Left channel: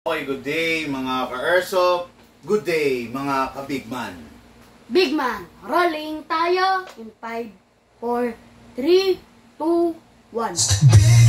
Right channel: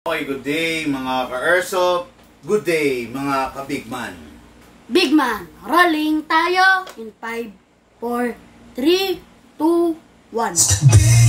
Okay, good day mga ka-Airsoft. Good day mga ka-Bigman. Bigman, rolling tayo in 5, 4, 3, 2, 1.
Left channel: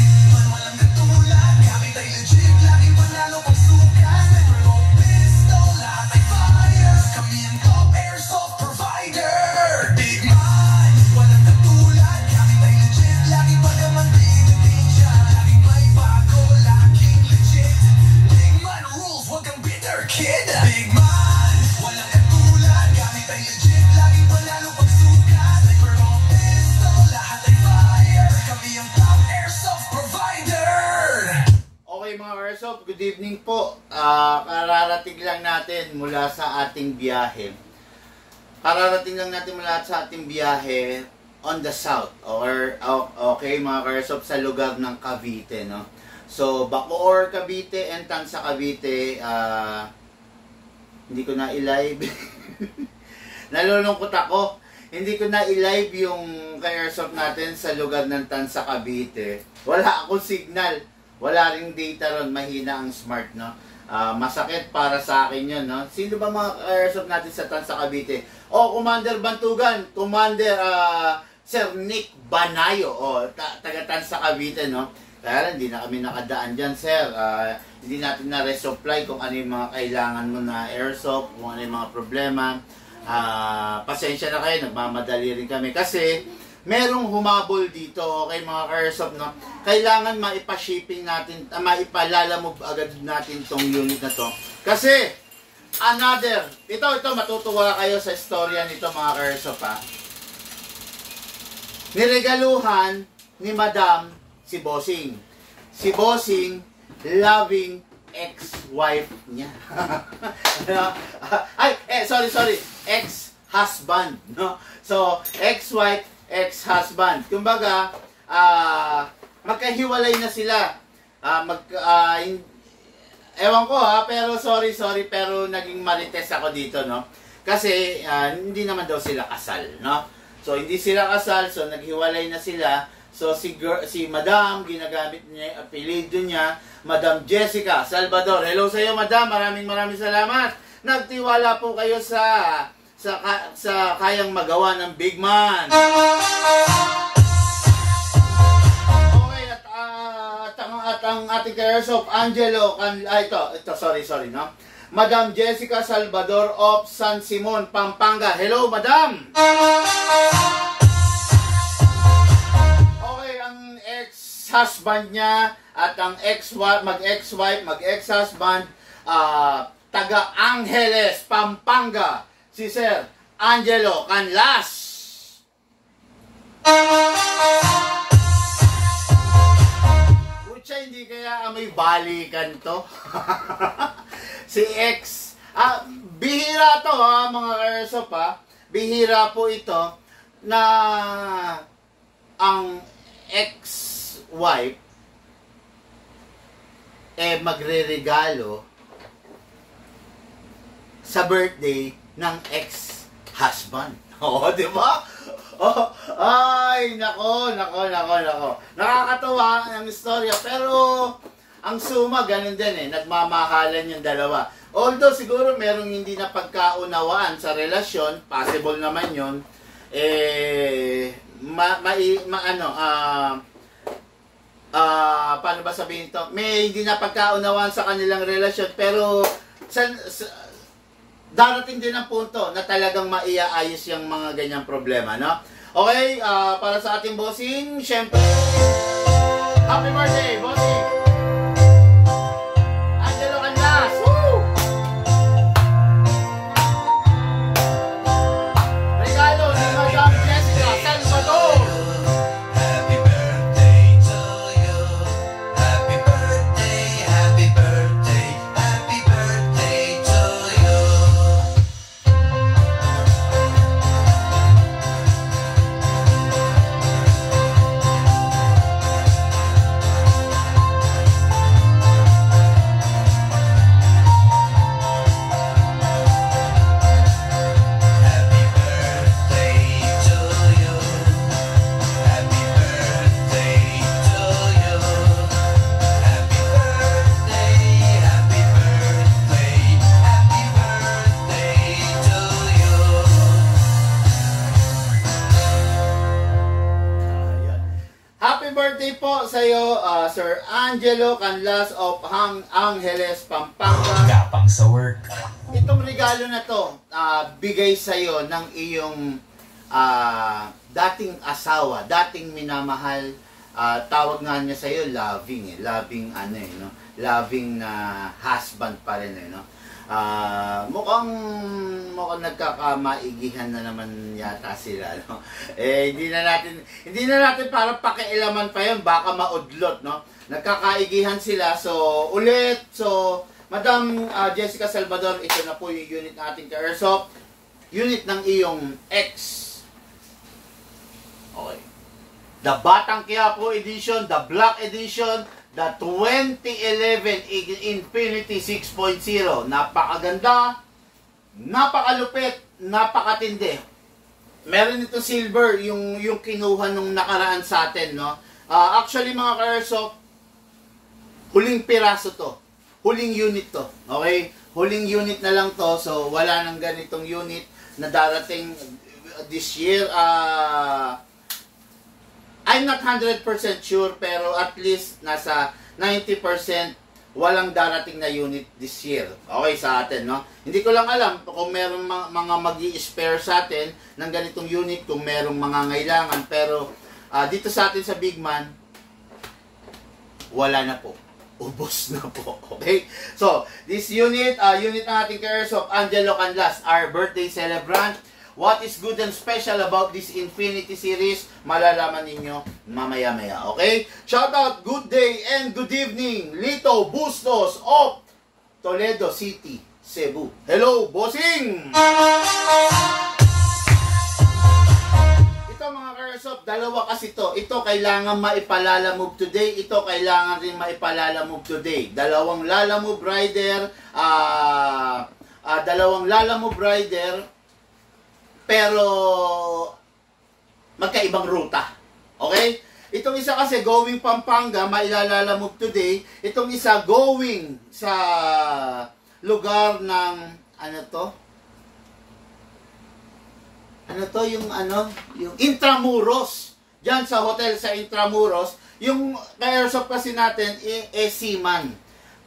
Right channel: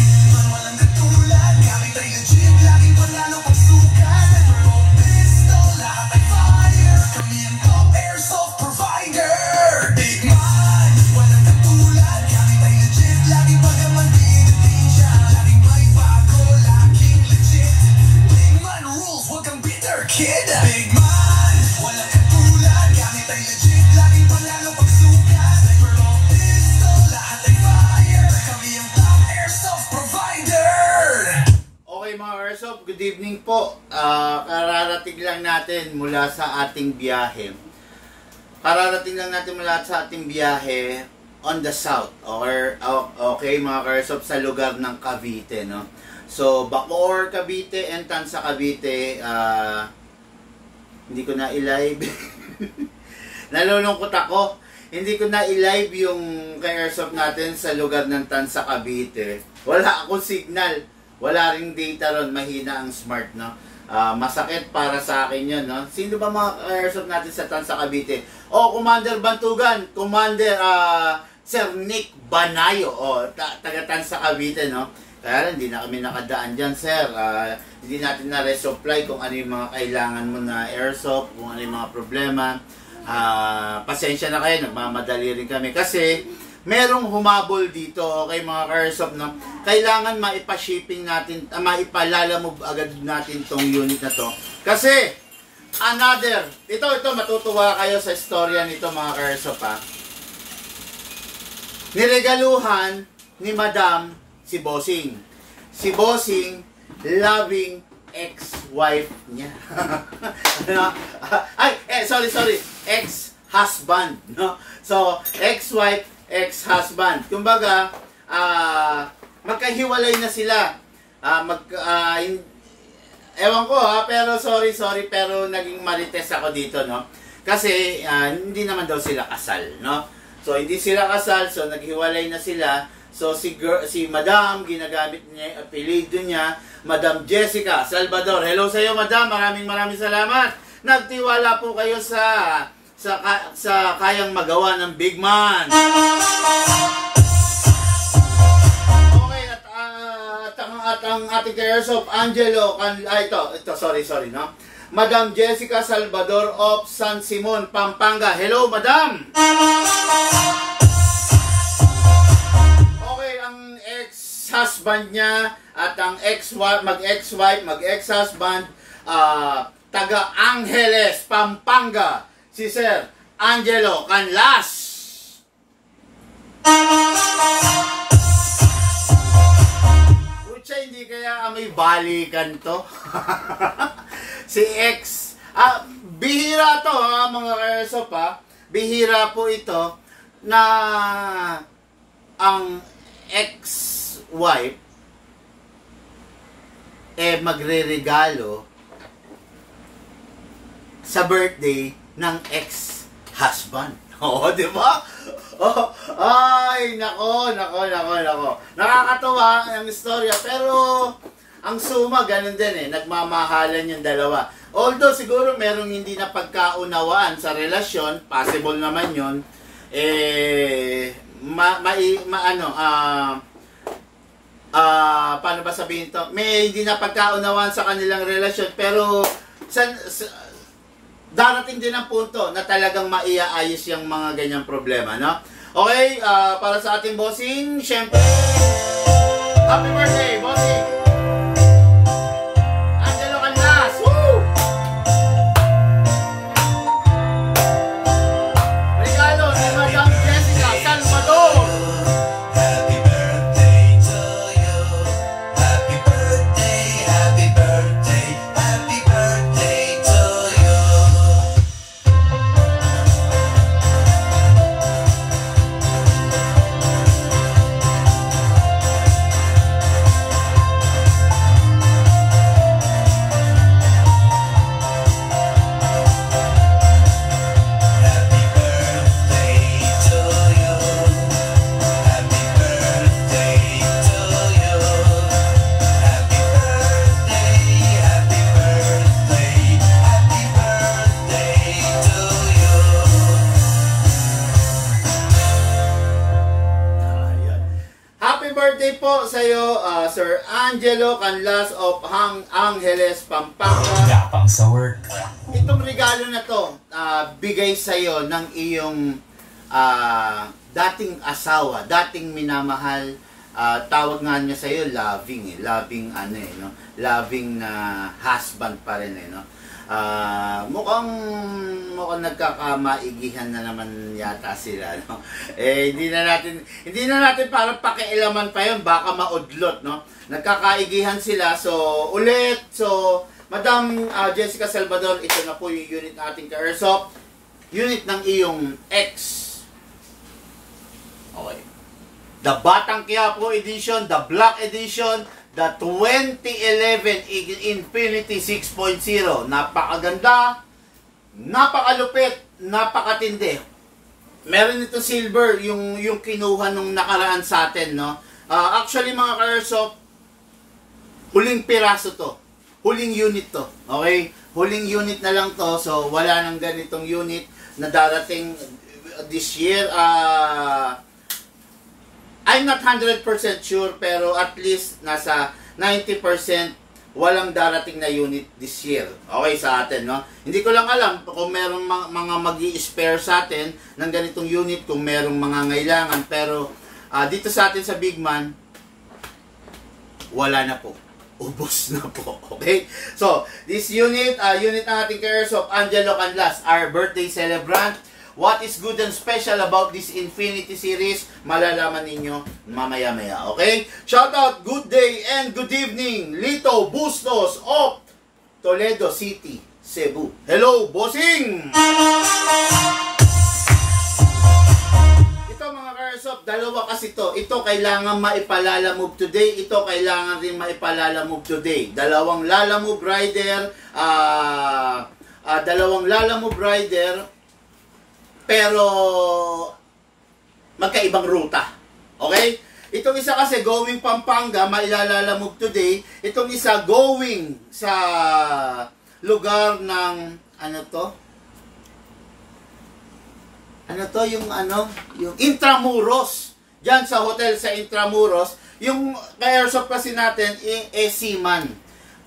Good evening po. Kararating lang natin mula sa ating biyahe. On the south okay mga ka-Airsoft, sa lugar ng Cavite, no? So Bacoor, Cavite and Tanza, Cavite. Hindi ko na i-live. Nalulungkot ako. Hindi ko na i-live yung ka-Airsoft natin sa lugar ng Tanza, Cavite. Wala akong signal. Wala ring data ron, mahina ang smart, no? Masakit para sa akin yun, no? Sino ba mga Airsoft natin sa Tanza, Cavite? Commander Bantugan, Commander Sir Nick Banayo, taga Tanza, Cavite, no? Kaya lang, hindi na kami nakadaan dyan, sir. Hindi natin na-resupply kung ano yung mga kailangan mo na Airsoft, kung ano yung mga problema. Pasensya na kayo, nagmamadali rin kami. Kasi, merong humabol dito, okay mga ka-Airsoft, no? Kailangan maipa-shipping natin, maipalalamove agad natin tong unit na to. Kasi, ito matutuwa kayo sa istorya nito mga ka-Airsoft, ha? Niregaluhan ni Madam si Bossing. Si Bossing, loving ex-wife niya. Sorry. Ex-husband, no? So, ex-wife, ex-husband. Kumbaga, magkahiwalay na sila. Ewan ko pero sorry, pero naging marites ako dito, no? Kasi, hindi naman daw sila kasal, no? So, hindi sila kasal, so naghiwalay na sila. So, si Madam, ginagamit niya, apelido niya, Madam Jessica Salvador. Hello sa iyo, Madam. Maraming salamat. Nagtiwala po kayo sa kayang magawa ng Bigman. Okay, at ang ating ka-Airsoft, Angelo, sorry, no? Madam Jessica Salvador of San Simon, Pampanga. Hello, Madam! Okay, ang ex-husband niya at ang mag-ex-wife, mag-ex-husband, taga Angeles, Pampanga, si Sir Angelo Canlas. Pucha, hindi kaya may balikan to? Si ex. Bihira to mga Airsoft, bihira po ito na ang ex-wife magre-regalo sa birthday ng ex-husband. Di ba? Ay, nako. Nakakatawa ang istorya, pero ang suma, ganun din nagmamahalan yung dalawa. Although, siguro merong hindi na pagkaunawaan sa relasyon, possible naman yun, paano ba sabihin to? May hindi na pagkaunawaan sa kanilang relasyon, pero darating din ang punto na talagang maiaayos yung mga ganyang problema, no? Okay, para sa ating bossing, syempre, happy birthday, bossing! Angelo Canlas! Woo! Regalo ni Madam Jessica Salvador! Happy birthday to you. Happy birthday, happy birthday, happy birthday to you. po sa iyo, Sir Angelo Canlas of Angeles, Pampanga. Tapang sa work. Itong regalo na to, bigay sa iyo ng iyong dating asawa, dating minamahal. Tawag nga niya sa iyo loving loving ano no, loving na husband pa rin no. Mukhang nagkakamaigihan na naman yata sila no. Hindi na natin para pakialaman pa 'yon, baka maudlot no. Nagkakaigihan sila, so Madam Jessica Salvador, ito na po yung unit nating ka-airsoft, unit ng iyong ex. Okay. The Batang Quiapo Edition, the Black Edition, the 2011 Infinity 6.0. Napakaganda, napakalupit, napakatindi. Meron ito silver, yung kinuha nung nakaraan sa atin, no? Actually, mga ka-airsoft, huling piraso to. Huling unit to. Okay? Huling unit na lang to. So, wala nang ganitong unit na darating this year. I'm not 100% sure, pero at least nasa 90% walang darating na unit this year. Okay, sa atin, no? Hindi ko lang alam kung merong mga mag-i-spare sa atin ng ganitong unit, kung merong mga ngailangan, pero dito sa atin sa Big Man, wala na po. Ubos na po. Okay? So, this unit, unit ng ating ka-airsoft, Angelo Canlas, our birthday celebrant. What is good and special about this Infinity series, malalaman ninyo mamaya-maya. Okay? Shout out, good day and good evening, Lito Bustos of Toledo City, Cebu. Hello, bossing! Ito mga ka-airsoft, dalawa kasi to. Ito kailangan maipalalamove today. Ito kailangan rin maipalalamove today. Dalawang lalamove rider, pero magkaibang ruta. Okay? Itong isa kasi going Pampanga, mailalalamove today. Itong isa going sa lugar ng yung Intramuros. Diyan sa hotel sa Intramuros. Yung ka-airsoft kasi natin seaman.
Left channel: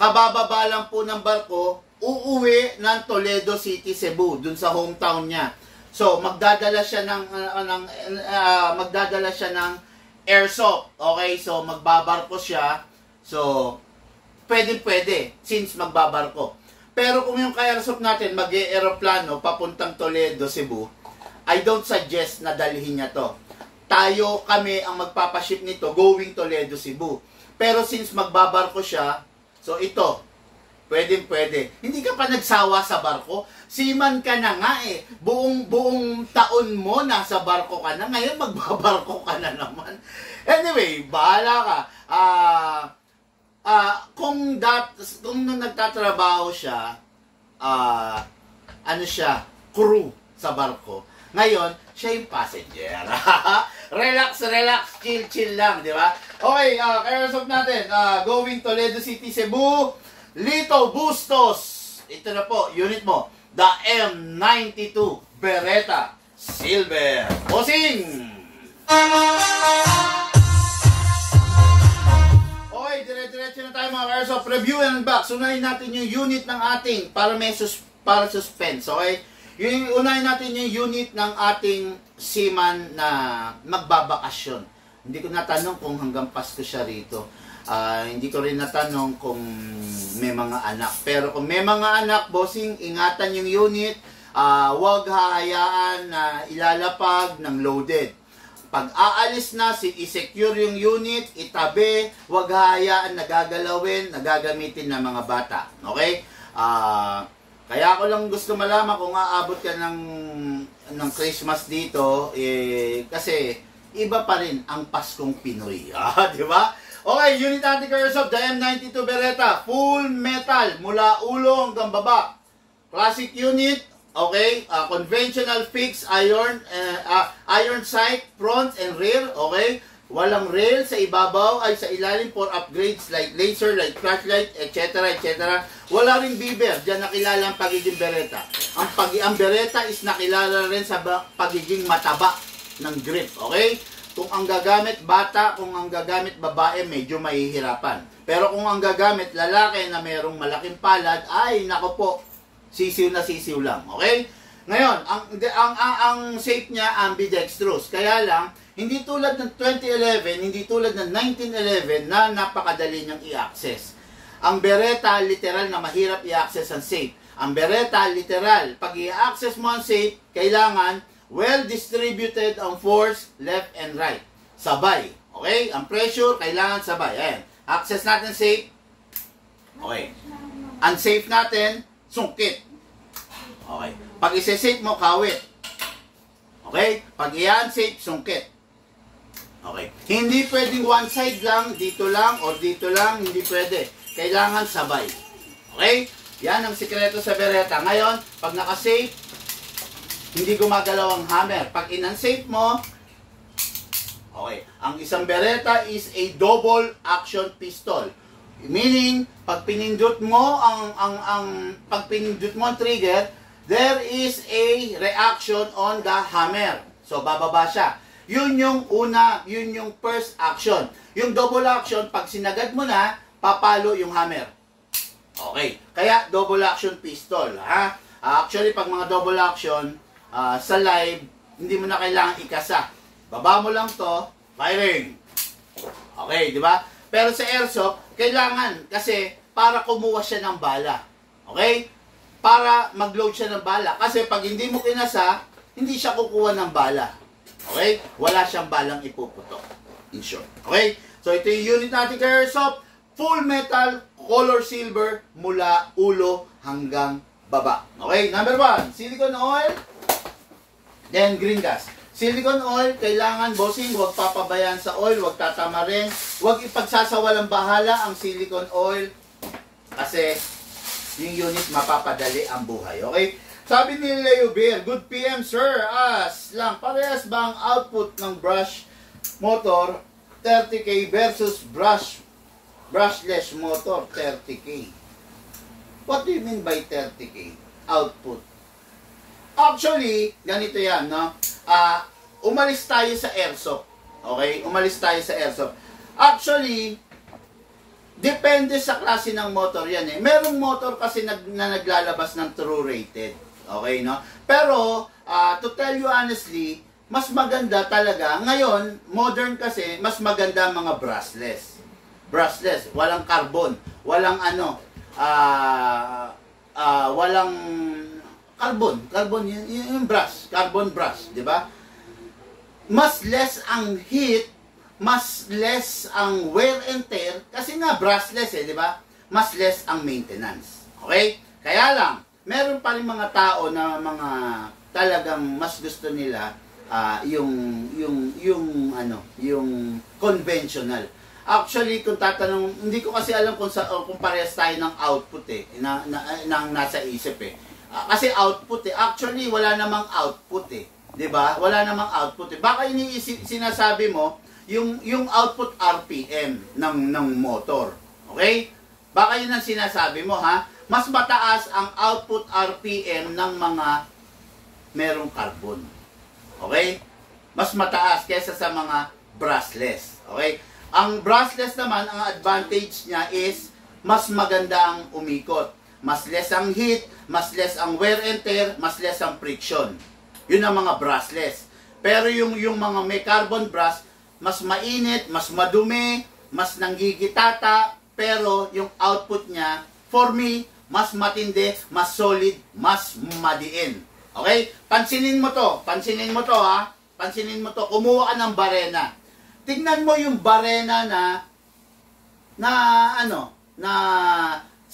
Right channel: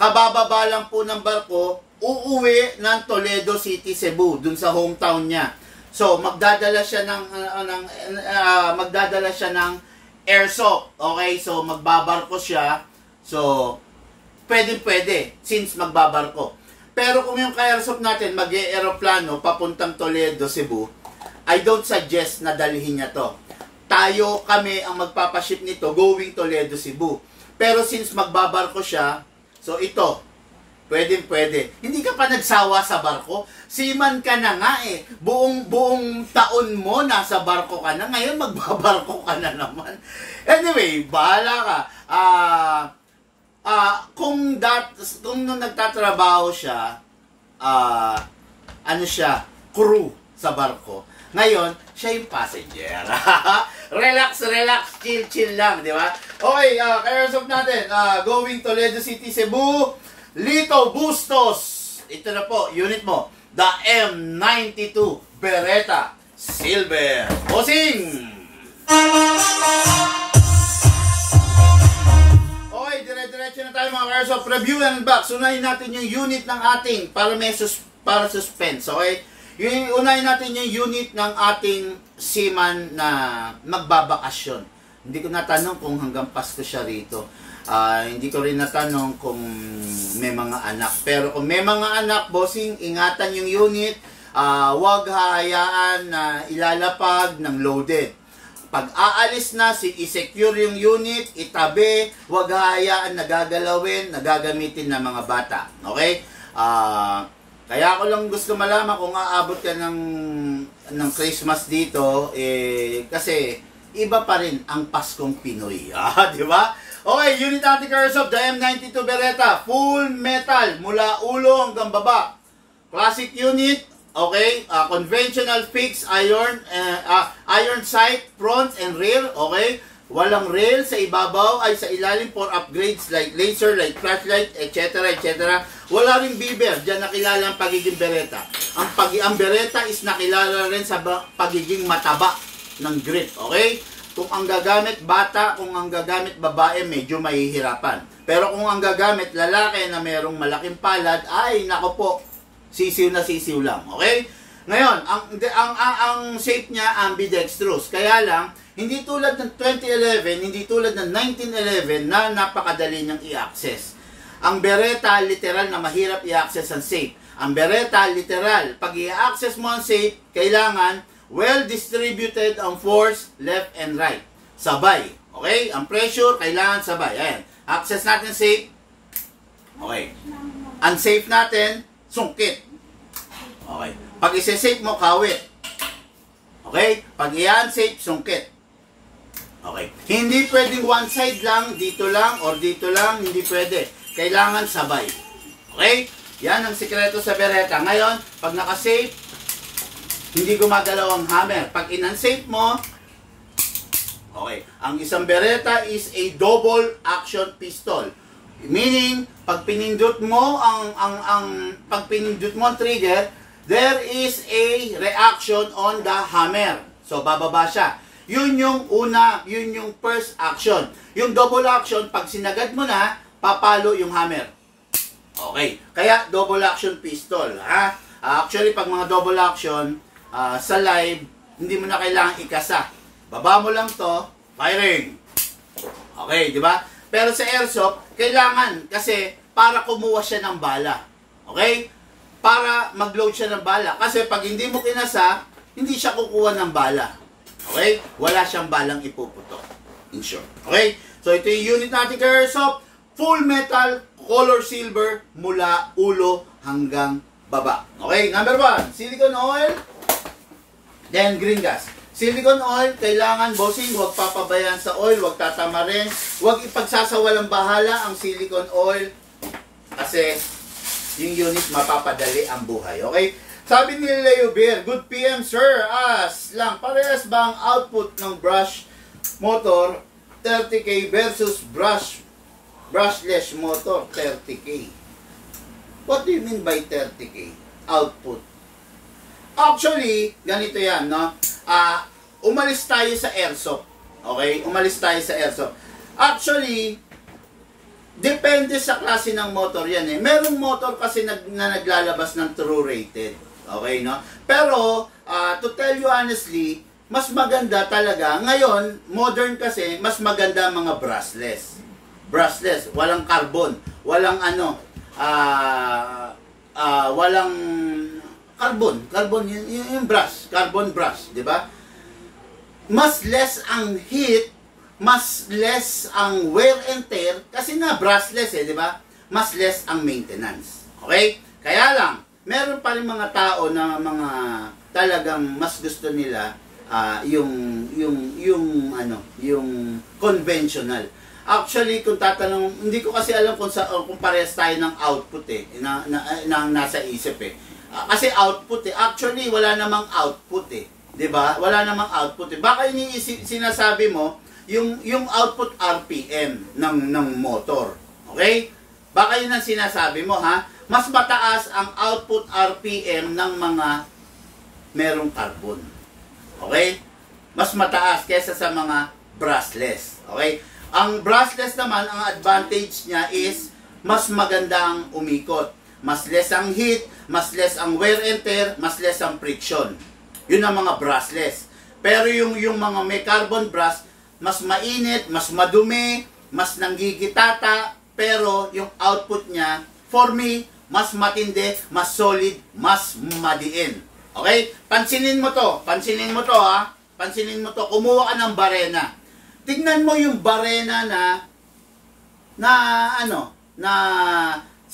Kabababa lang po ng barko, uuwi ng Toledo City, Cebu, dun sa hometown niya. So, magdadala siya ng airsoft. Okay? So, magbabarko siya. So, pwede since magbabarko. Pero kung yung ka-airsoft natin mag-e-aeroplano papuntang Toledo, Cebu, I don't suggest na dalhin niya to. Kami ang magpapaship nito going Toledo, Cebu. Pero since magbabarko siya, so ito, pwede. Hindi ka pa nagsawa sa barko. Seaman ka na nga eh. Buong taon mo nasa barko ka na. Ngayon magbabarko ka na naman. Anyway, bahala ka. Kung nung nagtatrabaho siya, crew sa barko. Ngayon, siya yung passenger. Relax, chill lang, di ba? Okay, ka-airsoft natin. Going Toledo City, Cebu, Lito Bustos. Ito na po, unit mo. The M92 Beretta Silver. Bossing! Okay, dire-diretso na tayo mga ka-airsoft. Review and box. Unahin natin yung unit ng ating para suspense. Okay? Unahin natin yung unit ng ating seaman na magbabakasyon. Hindi ko natanong kung hanggang Pasko siya rito. Hindi ko rin natanong kung may mga anak. Pero kung may mga anak, bossing, ingatan yung unit. Huwag hahayaan na ilalapag ng loaded. Pag aalis na, i-secure yung unit, itabi, huwag hahayaan na gagalawin, na gagamitin ng mga bata. Okay? Kaya ako lang gusto malaman kung aabot ka ng Christmas dito, kasi iba pa rin ang Paskong Pinoy. Di ba? Okay, unit natin ka-airsoft, the M92 Beretta, full metal, mula ulo hanggang baba. Classic unit, okay, conventional fixed iron sight, front and rear, okay. Walang rail sa ibabaw, ay sa ilalim for upgrades like laser, like flashlight, etc. Wala ring beaver, diyan nakilala ang pagiging Beretta. Ang Beretta is nakilala rin sa pagiging mataba ng grip, okay. kung ang gagamit bata, kung ang gagamit babae, medyo mahihirapan. Pero kung ang gagamit lalaki na merong malaking palad, ay nako po, sisiw na sisiw lang. Okay? Ngayon, ang shape niya ambidextrous. Kaya lang, hindi tulad ng 2011, hindi tulad ng 1911 na napakadali niyang i-access. Ang Beretta, literal na mahirap i-access ang shape. Ang Beretta, literal, pag i-access mo ang shape, kailangan well-distributed ang force, left and right. Sabay. Okay? Ang pressure, kailangan sabay. Ayan. Access natin shape. Okay. Unsafe natin, sungkit. Okay. Pag isa-safe mo, kawit. Okay? Pag i-unsafe, sungkit. Okay. Hindi pwedeng one side lang, dito lang, or dito lang. Hindi pwede. Kailangan sabay. Okay? Yan ang sikreto sa Beretta. Ngayon, pag naka-safe, hindi gumagalaw ang hammer. Pag in-unsafe mo, okay. Ang isang Beretta is a double action pistol. Meaning, pag pinindot mo pag pinindot mo ang trigger, there is a reaction on the hammer. So, bababa siya. Yun yung una, yun yung first action. Yung double action, pag sinagad mo na, papalo yung hammer. Okay. Kaya, double action pistol. Ha? Actually, pag mga double action, sa live, hindi mo na kailangan ikasa. Baba mo lang to, firing. Okay, di ba? Pero sa airsoft, kailangan kasi para kumuha siya ng bala. Okay? Para mag-load siya ng bala. Kasi pag hindi mo kinasa, hindi siya kukuha ng bala. Okay? Wala siyang balang ipuputok. In short. Okay? So ito yung unit natin kay airsoft. Full metal, color silver, mula ulo hanggang baba. Okay? Number 1, silicone oil. Then green gas. Silicone oil, kailangan bossing, huwag papabayaan sa oil, huwag tatama rin. Huwag ipagsasawalang bahala ang silicone oil. Kasi yung unit mapapadali ang buhay. Okay? Sabi ni Leo Beer, good PM sir, lang, parehas ba ang output ng brush motor 30K versus brushless motor 30K? What do you mean by 30K? Output. Actually, ganito yan, no? Umalis tayo sa airsoft. Okay? Umalis tayo sa airsoft. Actually, depende sa klase ng motor yan eh. Merong motor kasi na naglalabas ng true rated. Okay, no? Pero, to tell you honestly, mas maganda talaga. Ngayon, modern kasi, mas maganda mga brushless. Brushless. Walang carbon. Walang walang carbon yung brush, carbon brush, di ba? Mas less ang heat, mas less ang wear and tear kasi nga brushless di ba? Mas less ang maintenance. Okay? Kaya lang, meron pa rin mga tao na mga talagang mas gusto nila yung conventional. Actually, kung tatanong, hindi ko kasi alam kung parehas tayo ng output na nasa isip kasi output actually wala namang output 'di ba? Wala namang output Baka sinasabi mo yung output RPM ng motor. Okay? Baka yun ang sinasabi mo ha. Mas mataas ang output RPM ng mga merong carbon. Okay? Mas mataas kaysa sa mga brushless. Okay? Ang brushless naman, ang advantage niya is mas maganda ang umikot. Mas less ang heat, mas less ang wear and tear, mas less ang friction. Yun ang mga brushless. Pero yung mga may carbon brush, mas mainit, mas madumi, mas nanggigitata, pero yung output niya, for me, mas matindi, mas solid, mas madiin. Okay? Pansinin mo to ha. Pansinin mo to. Kumuha ka ng barena. Tignan mo yung barena na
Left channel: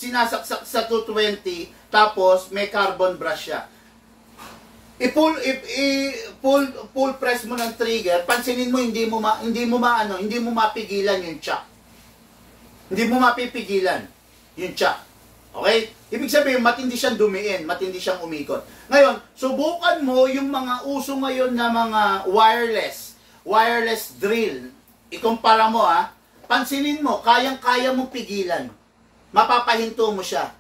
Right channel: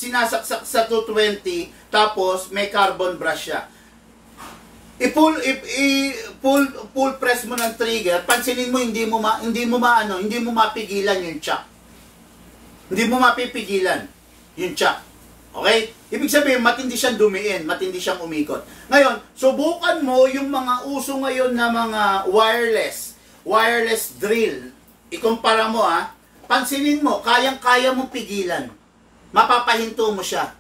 sinasaksak sa 220 tapos may carbon brush siya. I-pull press mo ng trigger, pansinin mo hindi mo mapigilan yung chuck. Hindi mo mapipigilan yung chuck. Okay? Ibig sabihin matindi siyang dumiin, matindi siyang umikot. Ngayon, subukan mo yung mga uso ngayon na mga wireless drill. Ikumpara mo pansinin mo, kayang-kaya mong pigilan. Mapapahinto mo siya.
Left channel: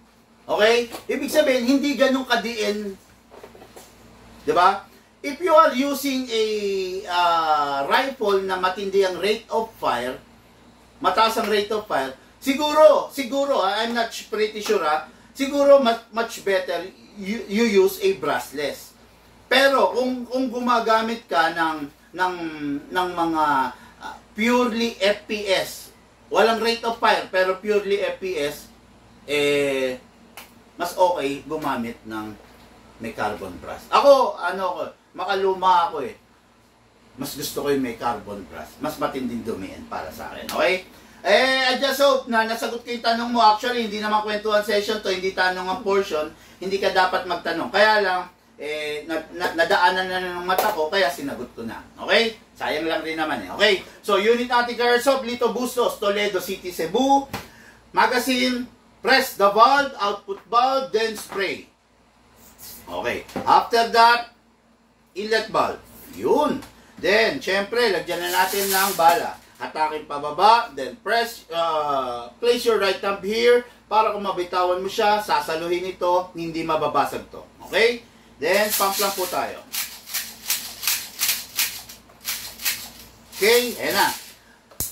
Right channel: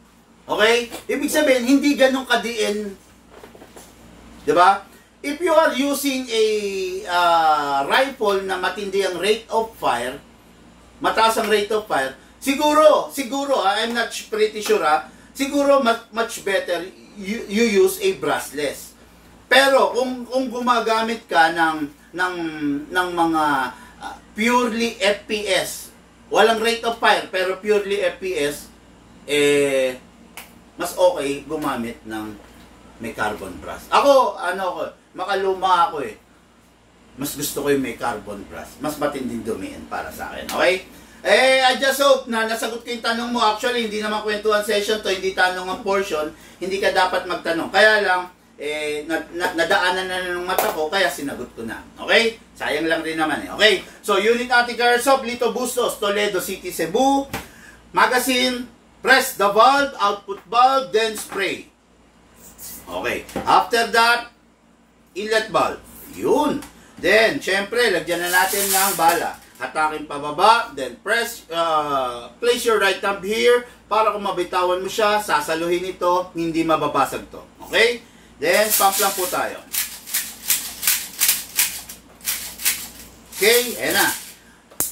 Okay? Ibig sabihin, hindi ganun kadiin. Diba? if you are using a rifle na matindi ang rate of fire, mataas ang rate of fire, siguro, I'm not pretty sure siguro much better you use a brushless. Pero kung gumagamit ka ng mga purely FPS, walang rate of fire pero purely FPS, mas okay gumamit ng may carbon brush. Ako, makaluma ako Mas gusto ko yung may carbon brush. Mas matinding dumiin para sa akin. Okay? I just hope na nasagot ko yung tanong mo. Actually, hindi naman kwentuhan session to, hindi tanong ang portion. Hindi ka dapat magtanong. Kaya lang, nadaanan na ng mata ko, kaya sinagot ko na. Okay? Sayang lang rin naman Okay? So, unit Attica Airsoft, Lito Bustos, Toledo City, Cebu. Magazine, press the valve, output valve, then spray. Okay. After that, inlet valve. Yun. Then, syempre, lagyan na natin ng bala. Hatakin pababa, then place your right thumb here para kung mabitawan mo siya, sasaluhin ito, hindi mababasag to. Okay? Then, pump lang po tayo. Okay, ayan na.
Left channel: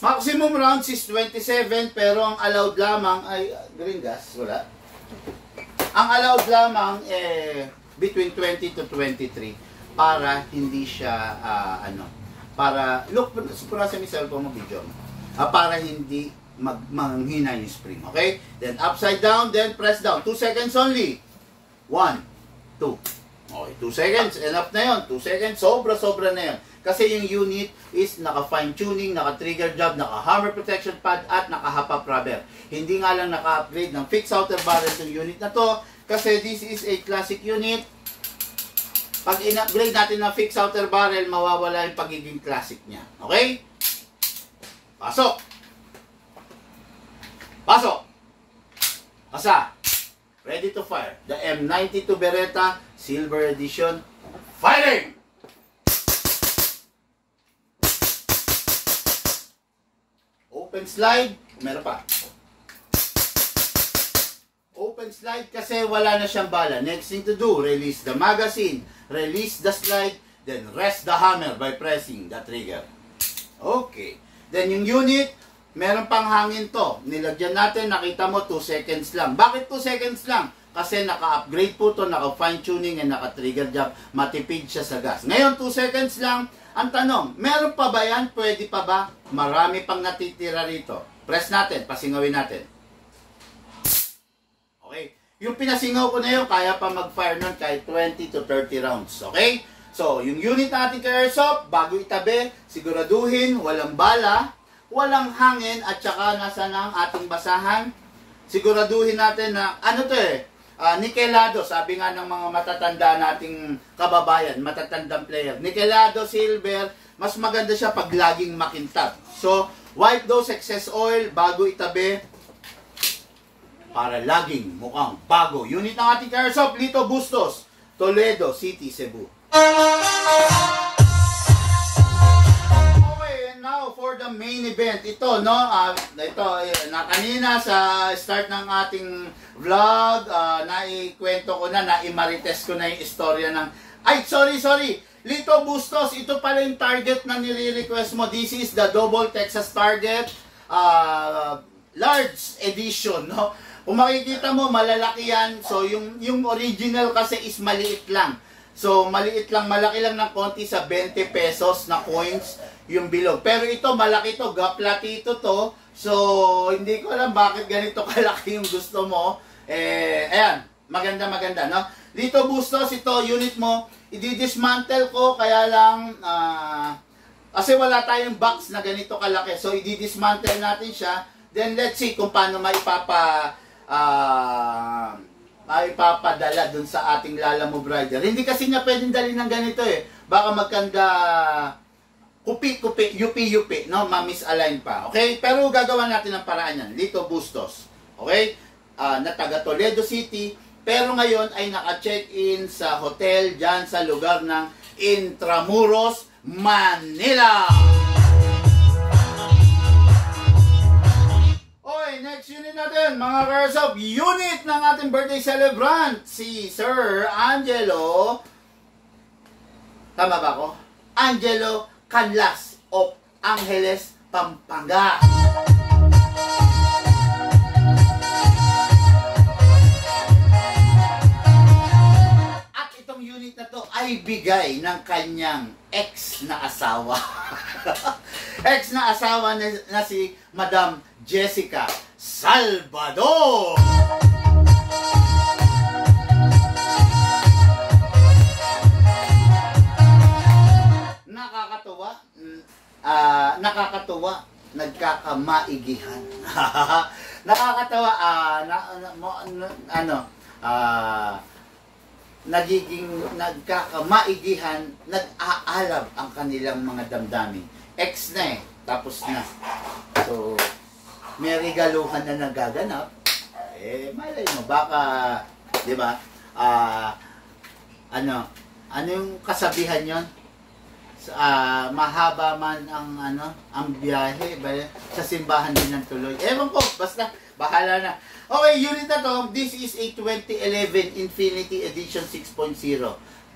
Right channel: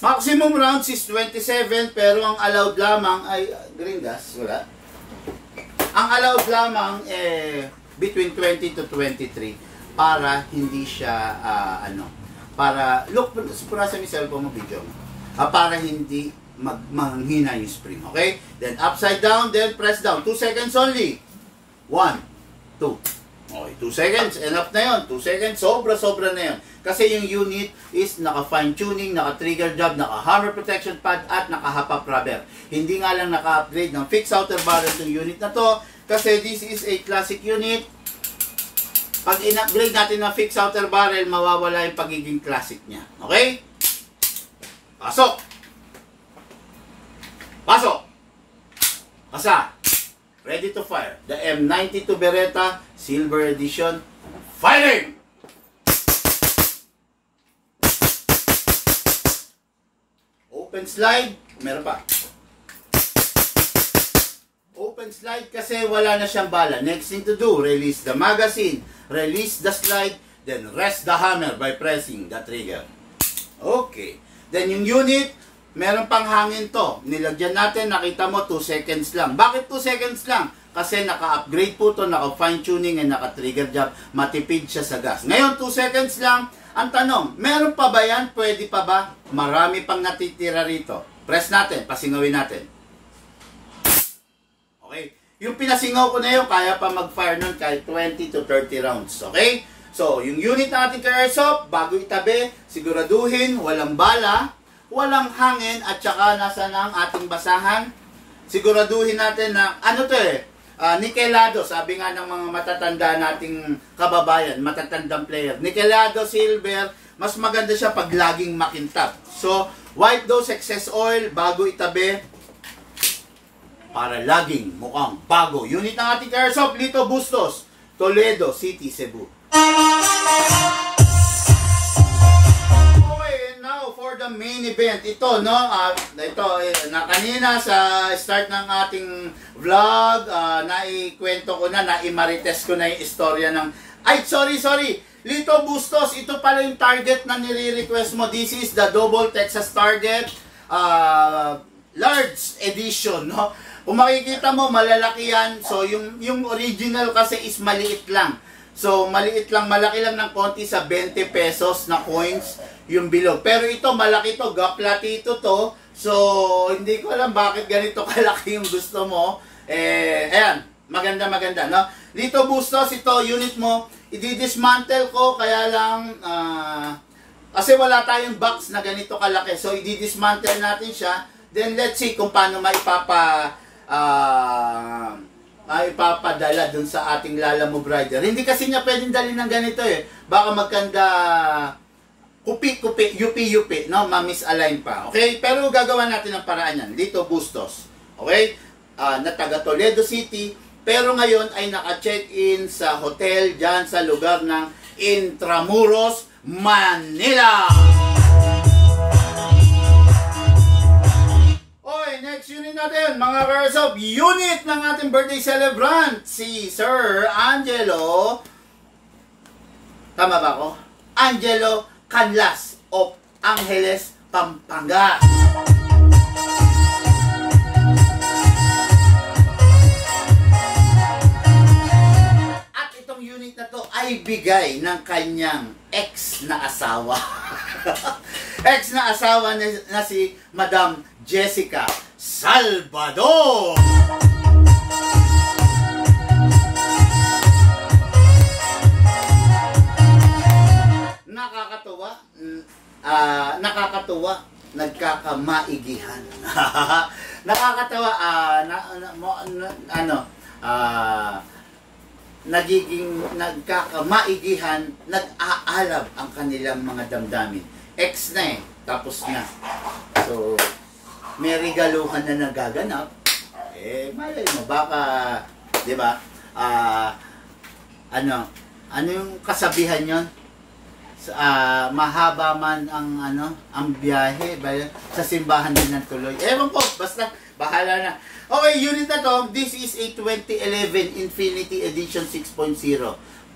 Maximum rounds is 27, pero ang allowed lamang ay, green gas, wala. Ang allowed lamang between 20 to 23 para hindi siya, para, look, pura sa may cellphone mo video, para hindi manghina yung spring, okay? Then, upside down, then press down. 2 seconds only. 1, 2. Okay, 2 seconds, enough na yun. 2 seconds, sobra-sobra na yun. Kasi yung unit is naka-fine tuning, naka-trigger job, naka-hammer protection pad, at naka-hop-up rubber. Hindi nga lang naka-upgrade ng fixed outer barrel yung unit na to, kasi this is a classic unit. Pag in-upgrade natin ng fixed outer barrel, mawawala yung pagiging classic niya. Okay? Pasok! Pasok! Pasa! Ready to fire. The M92 Beretta Silver Edition. Firing! Open slide. Meron pa. Open slide kasi wala na siyang bala. Next thing to do, release the magazine, release the slide, then rest the hammer by pressing the trigger. Okay. Then yung unit, meron pang hangin to. Nilagyan natin, nakita mo 2 seconds lang. Bakit 2 seconds lang? Kasi naka-upgrade po to, naka-fine tuning and naka-trigger job. Matipid siya sa gas. Ngayon, 2 seconds lang. Ang tanong, meron pa ba yan? Pwede pa ba? Marami pang natitira rito. Press natin, pasingawin natin. Okay? Yung pinasingaw ko na yun, kaya pa mag-fire nun kahit 20 to 30 rounds. Okay? So, yung unit natin kay Airsoft, bago itabi, siguraduhin, walang bala, walang hangin, at saka nasa na ang ating basahan. Siguraduhin natin na, nikelado, sabi nga ng mga matatanda nating kababayan, matatandang player. Nikelado, silver, mas maganda siya pag laging makintab. So, wipe those excess oil bago itabi para laging mukhang bago. Unit ng ating Airsoft, Lito Bustos, Toledo City, Cebu. Now for the main event, ito na kanina sa start ng ating vlog, naikwento ko na, naimarites ko na yung istorya ng, sorry, Lito Bustos, ito pala yung target na nire-request mo. This is the Double Texas Target, large edition, no? Kung makikita mo, malalaki yan. So yung original kasi is maliit lang. So, maliit lang, malaki lang ng konti sa 20 pesos na coins yung bilog. Pero ito, malaki to, gaplatito to. So, hindi ko alam bakit ganito kalaki yung gusto mo. Ayan, maganda, no? Lito Bustos, ito, unit mo, i-dismantle ko, kaya lang, kasi wala tayong box na ganito kalaki. So, i-dismantle natin siya. Then, let's see kung paano maipapadala dun sa ating Lalamove Rider. Hindi kasi niya pwedeng dalhin ng ganito Baka magkanda kupi, yupi, no? Ma-misalign pa. Okay? Pero gagawa natin ang paraan yan. Lito Bustos. Okay? Na taga Toledo City. Pero ngayon ay naka-check-in sa hotel dyan sa lugar ng Intramuros, Manila. Okay, next unit natin, mga Airsoft, unit ng ating birthday celebrant, si Sir Angelo Tama ba ako? Angelo Canlas of Angeles, Pampanga. At itong unit na to ay bigay ng kanyang ex na asawa. Ex na asawa na si Madam Jessica Salvador. Nakakatuwa, nagkakamaigihan. Nakakatawa, nagiging nagkakamaigihan, nag-aalab ang kanilang mga damdamin. Ex na eh, tapos na. So, may regaluhan na nagaganap. Malay mo, baka, di ba, ano yung kasabihan yon? Mahaba man ang biyahe sa simbahan din ng tuloy. Ewan ko, basta bahala na. Okay, unit na to, this is a 2011 Infinity Edition 6.0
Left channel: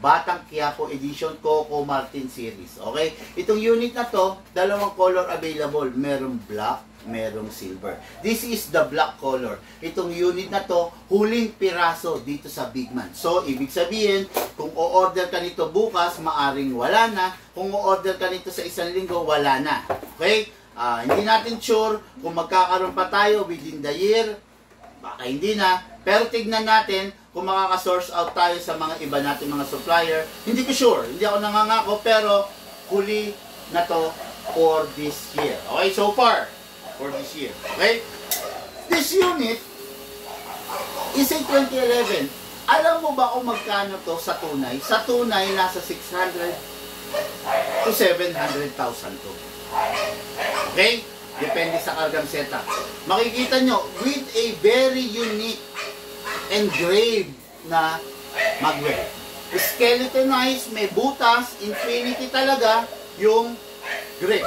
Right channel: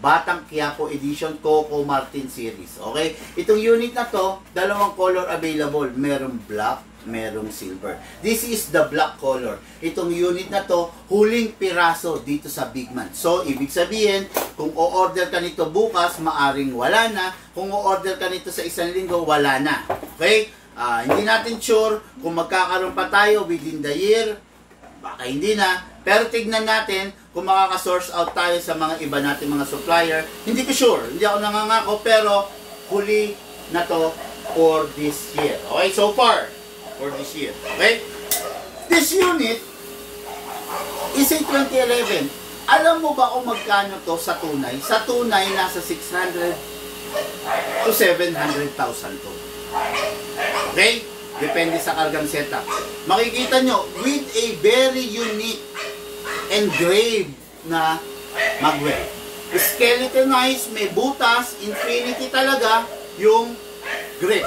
Batang Quiapo Edition Coco Martin Series. Okay, itong unit na to, dalawang color available, merong black, merong silver. This is the black color. Itong unit na to, huling piraso dito sa Bigman. So, ibig sabihin, kung o-order ka nito bukas, maaring wala na. Kung o-order ka nito sa isang linggo, wala na. Okay? Hindi natin sure kung magkakaroon pa tayo within the year. Baka hindi na. Pero tignan natin kung makaka-source out tayo sa mga iba natin mga supplier. Hindi ko sure. Hindi ako nangangako, pero huli na to for this year. Okay? So far, for this year. Okay? This unit is a 2011. Alam mo ba kung magkano to sa tunay? Sa tunay, nasa 600 to 700,000 to. Okay? Depende sa kargang setup. Makikita nyo, with a very unique engraved na magwell. Skeletonized, may butas, infinity talaga yung grip.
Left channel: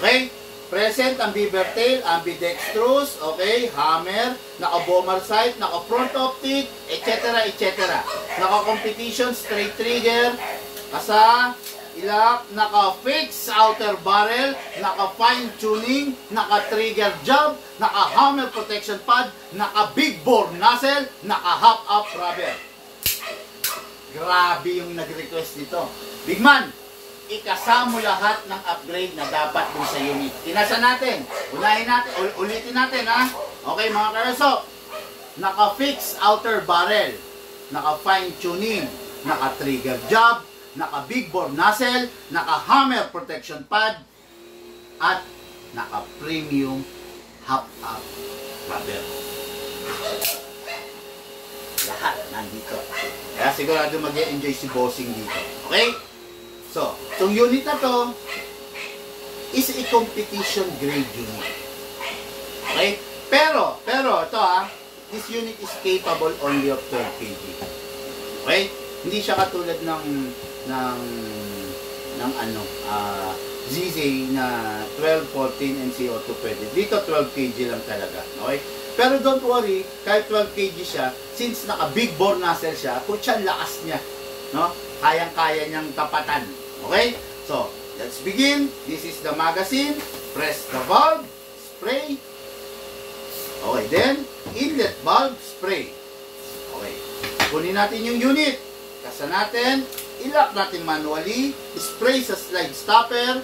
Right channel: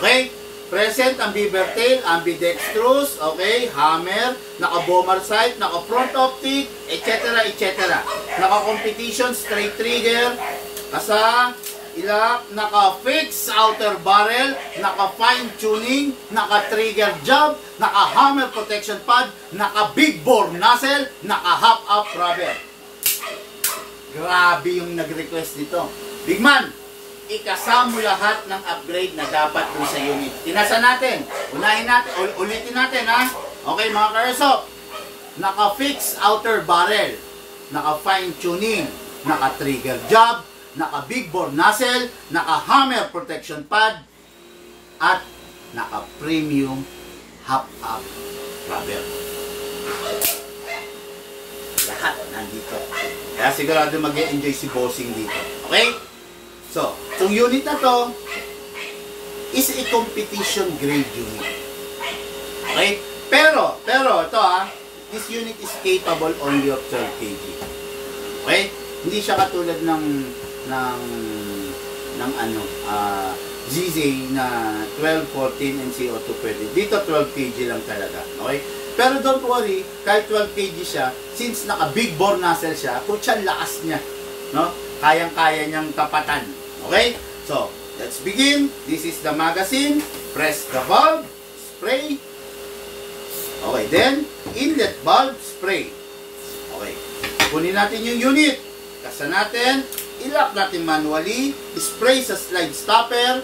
Okay? Present ang beaver tail, ambidextrous, okay, hammer, naka-bomber sight, naka-front optic, etc. etc. Naka-competition, straight trigger, kasa, ilak, naka-fix outer barrel, naka-fine tuning, naka-trigger job, naka-hammer protection pad, naka-big bore nozzle, naka-hop up rubber. Grabe yung nag-request nito. Big man, ikasama lahat ng upgrade na dapat dun sa unit. Tinasa natin. Unahin natin. Ulitin natin, ha? Okay, mga ka-airsoft. Naka-fix outer barrel. Naka-fine tuning. Naka-trigger job. Naka-big bore nozzle. Naka-hammer protection pad. At naka-premium hop-up rubber. Lahat nandito. Kaya sigurado mag-e-enjoy si bossing dito. Okay? So, itong unit na to is a competition grade unit. Okay? Pero, ito this unit is capable only of 12 kg. Okay? Hindi siya katulad ng ZZ na 12, 14 MCO2 pwede. Dito 12 kg lang talaga. Okay? Pero don't worry, kahit 12 kg siya, since naka big bore nozzle siya, putya lakas niya. No? Kayang-kaya niyang tapatan. Okay? So, let's begin. This is the magazine. Press the valve. Spray. Okay, then, inlet valve. Spray. Okay. Kunin natin yung unit. Kasa natin. Ilock natin manually. Spray sa slide stopper.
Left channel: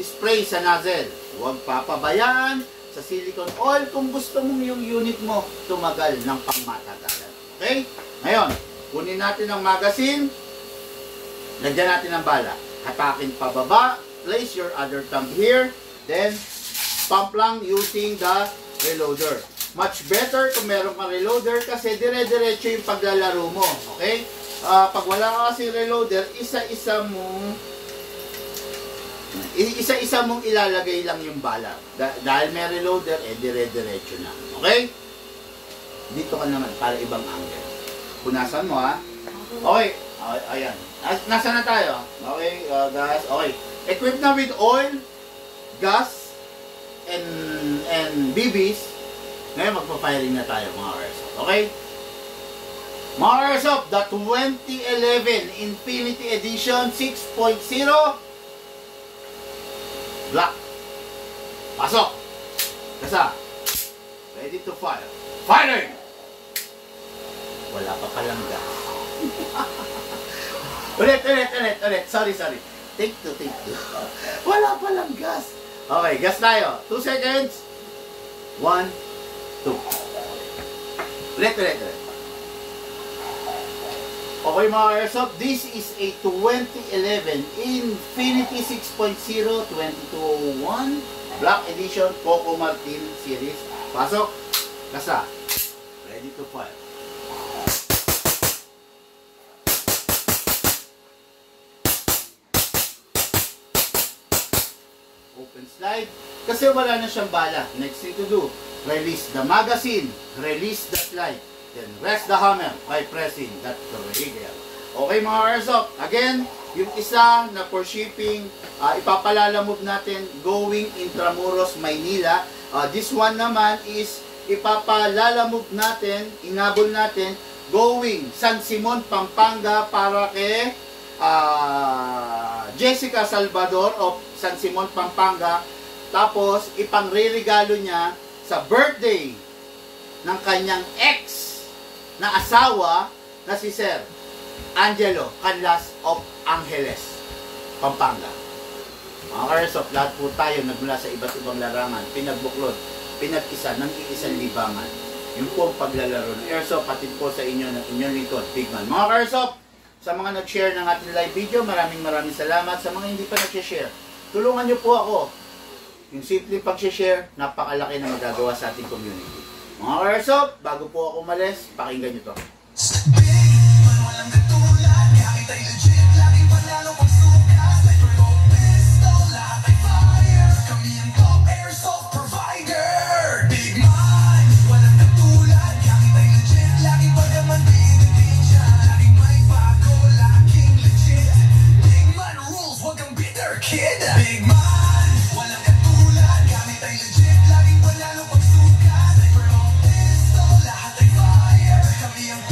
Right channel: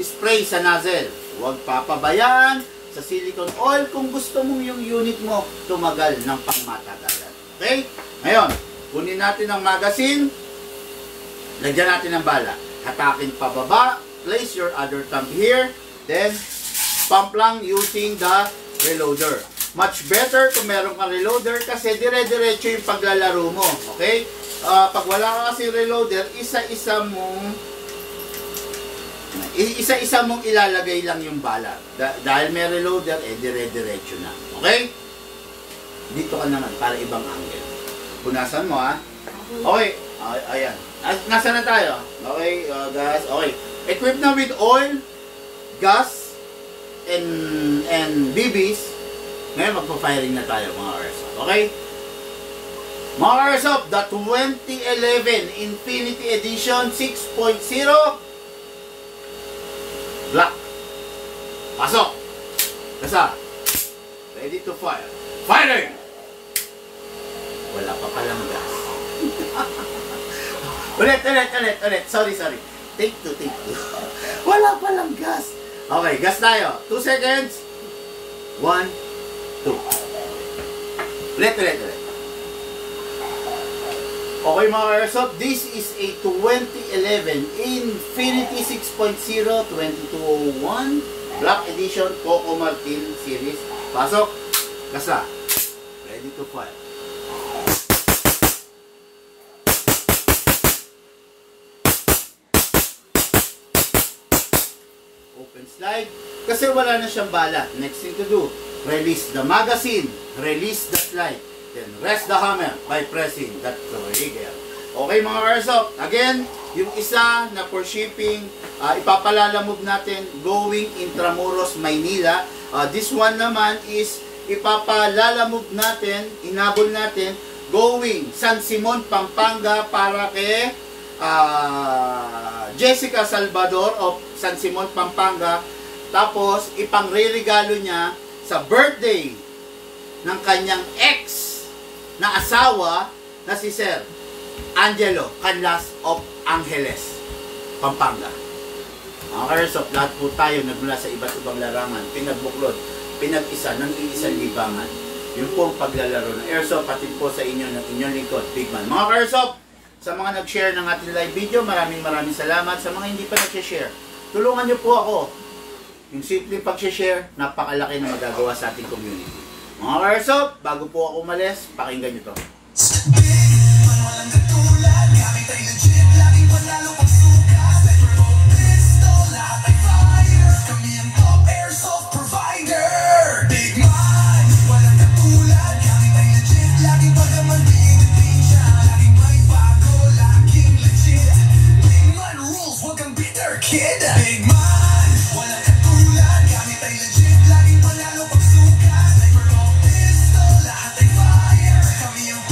Spray sa nozzle. Huwag papabayaan sa silicone oil kung gusto mong yung unit mo tumagal ng pangmatagalan. Okay? Ngayon, kunin natin ang magazine. Lagyan natin ang bala. Hatakin pababa. Place your other thumb here. Then, pump lang using the reloader. Much better kung meron kang reloader kasi dire-diretso yung paglalaro mo. Okay? Pag wala ka kasi reloader, isa-isa mong ilalagay lang yung bala. Dahil may reloader, dire-diretso na. Okay? Dito ka naman para ibang angle. Punasan mo, ha? Okay. Ayan. Nasaan na tayo? Okay, gas. Okay. Equipped na with oil, gas, and BBs. Ngayon magpa-firing na tayo mga airsoft. Okay? Mga Airsoft, the 2011 Infinity Edition 6.0 Black. Pasok. Kasa. Ready to fire. Firing! Wala pa palang gas. ulit. Sorry. Take two. Wala palang gas. Okay, gas tayo. 2 seconds. 1, 2. Ulit. Okay mga Airsoft, this is a 2011 Infinity 6.0 2201 Black Edition Coco Martin Series. Pasok. Kasa. Ready to fire. Open slide. Kasi wala na siyang bala. Next thing to do, release the magazine, release the slide, then rest the hammer by pressing that trigger. Okay mga Airsoft, again, yung isa na for shipping, ipapalalamove natin going Intramuros, Maynila. This one naman is ipapalalamove natin, inabol natin, going San Simon, Pampanga para kay Jessica Salvador of San Simon, Pampanga. Tapos, ipangre-regalo niya sa birthday ng kanyang ex na asawa na si Sir Angelo Canlas of Angeles, Pampanga. Mga Airsoft, lahat po tayo nagmula sa iba't ibang larangan, pinagbuklod, pinag-isa ng iisang libangan. Yun po ang paglalaro ng Airsoft, pati po sa inyo ng inyong lingkod, Bigman. Mga Airsoft, sa mga nag-share ng ating live video, maraming salamat. Sa mga hindi pa nag-share, tulungan nyo po ako. Yung simple pag-share, napakalaki na magagawa sa ating community. Mga Airsoft, bago po ako umalis, pakinggan nyo to. Kid, big man, walang katulad, gamit ay legit, laging panalo pagsukat, ay pistol, lahat ay fire, kami ang